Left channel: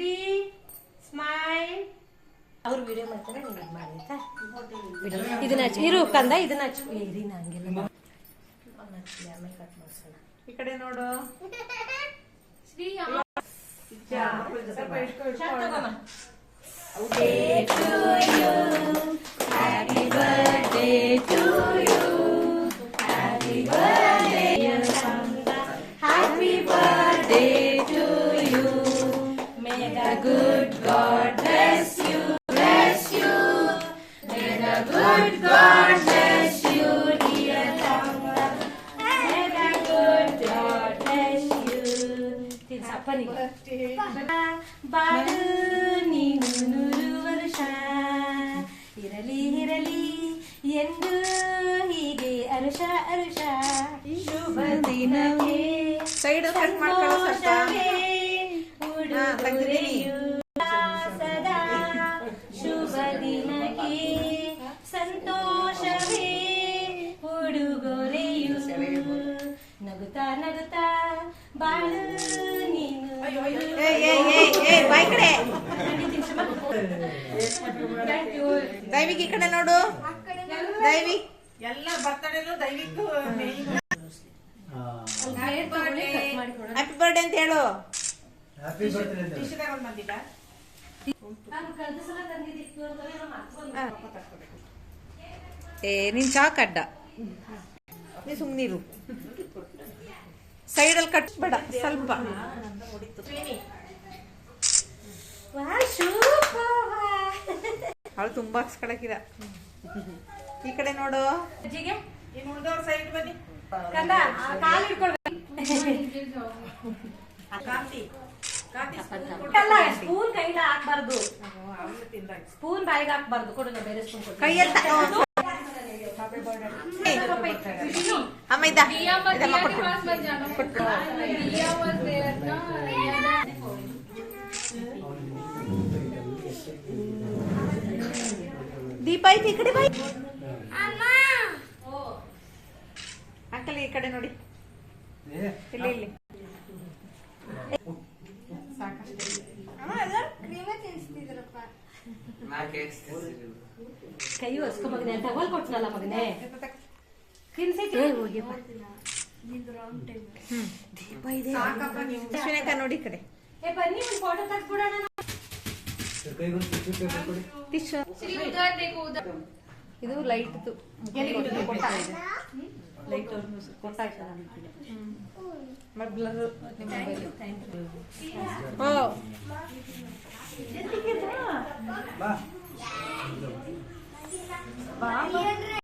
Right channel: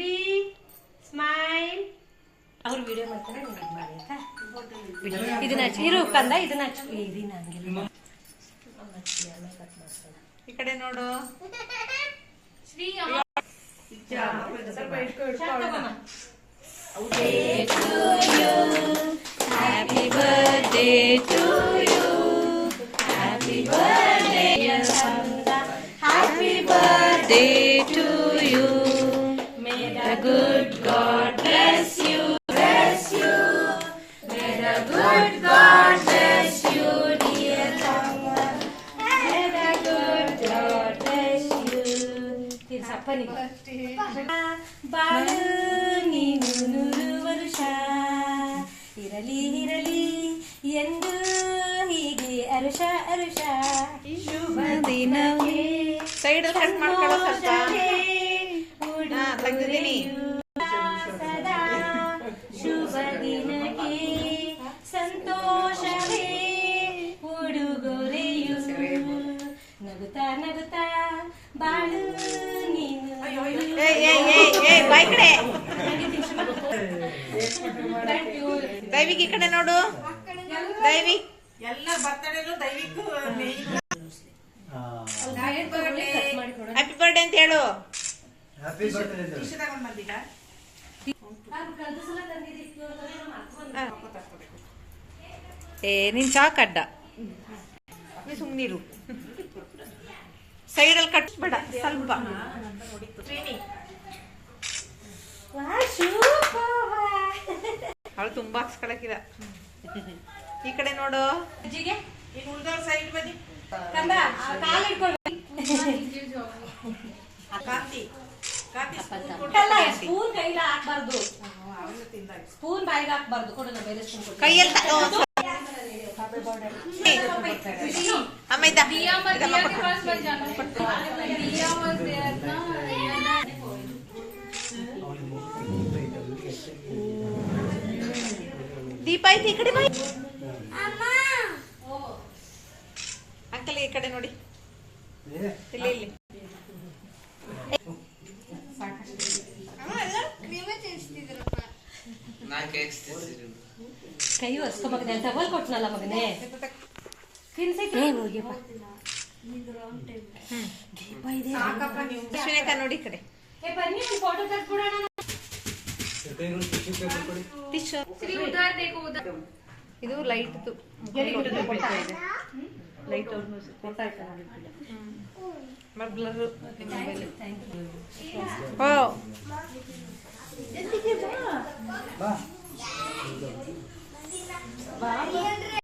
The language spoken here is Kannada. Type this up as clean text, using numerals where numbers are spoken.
ಶ್ರೀ ಸ್ಮೈಲ್. ಅವ್ರು ವಿಡಿಯೋ ಮಾಡ್ತಾರೆ, ನೀವು ಮಾಡಿ ಆಯ್ತಾ? ಇದನ್ನ ಇರು ಕಂದ, ಇದನ್ನ ಇರಿನ ಹಂಗಿಲ್ಲ. ಈ ಕಡೆ ನೋಡು Shri. Happy birthday to you. Happy birthday, happy birthday to you. May the good God bless you, bless you. May the good God bless you, dear Sangha. May the good God bless you. ಬಾಳು ನೀನು 100 ವರ್ಷ ಇರಲಿ ಇರಲಿ ಎಂದು ಹೀಗೆ ಅರುಷ ಅರುಷ. ಶುಭ ದಿನವೇ ಸೈಡ್ ಕಟ್ ಮಾಡ್ಕೊಳ್ಳೋ ಉಡುಗೊರೆಯು ಸದಾ. ಶುಭ ದಿನಕ್ಕೆ ಸಂತೋಷವೇ ಉಡುಗೊರೆಯು. ನಗುತ್ತಾ ನಗುತ್ತಾ ಬಾಳು ನೀನು. ದೈವಿಕ್ ಈ ಕಡೆ ನೋಡು. ದೈವಿಕ್ ಎಲ್ಲ ಬರ್ತಡೇಲು ದೈವಿಕ್ ಹ್ಯಾಪಿ ಬರ್ಡೇ ಅಂತ ಹೇಳು. ನೀನ್ ಚಾಕ್ ಅಡ್ಡ ಸುಮ್ನಿರು. ಸೈಡಲ್ಲಿ ಕಟ್ಬೇಡ ಸ್ವಲ್ಪ. ಅವಳು ತುಂಬಾ ಹಾಕ್ಸ್ಕೊಳಕಿಲ್ಲ. ಈ ಕಡೆ ನೋಡು. ಉಳ್ದೋರ್ ಸೈಡ್ ಬನ್ನಿ. ಕಾಂತಿ ಸ್ಪೂನ್ ಕೈಗೆ ಹಾಕ್ಬಾರ್ದು, ಸ್ಪೂನ್ ಬಾಯಿಗೆ ಹಾಕ್ಬಾರ್ದು. ಕೊಡು, ಬೇರೆ ಸ್ಪೂನ್ ಕೊಡು. ಕೈಯಲ್ಲಿ ದೀಪ ಐತಿ ಈ ಕಡೆ. ಅಂಕಲ್ ಈ ಕಡೆ ನೋಡಿ. ಇಲ್ಲಿ ಇಲ್ಲಿ ಕೈ ಹೊಸ್ಕೊ ಮಗನೆ ಅಂತ ತಗೊಳ್ ಕೊಟ್ನಲ್ಲ ಮಗನೆ. ಅಶ್ವಿನಕ್ಕ ನೋಡಿ ಈ ಕಡೆ. ಬನ್ನಿ ಒಂದು ಫೋಟೋ ತೆಗೆದ್ಬಿಡೋಣ. ಇದು ಲೈಟ್ ಲೈಟ್ ಓ